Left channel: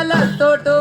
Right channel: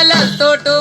ಬಾಲ ತೋಟು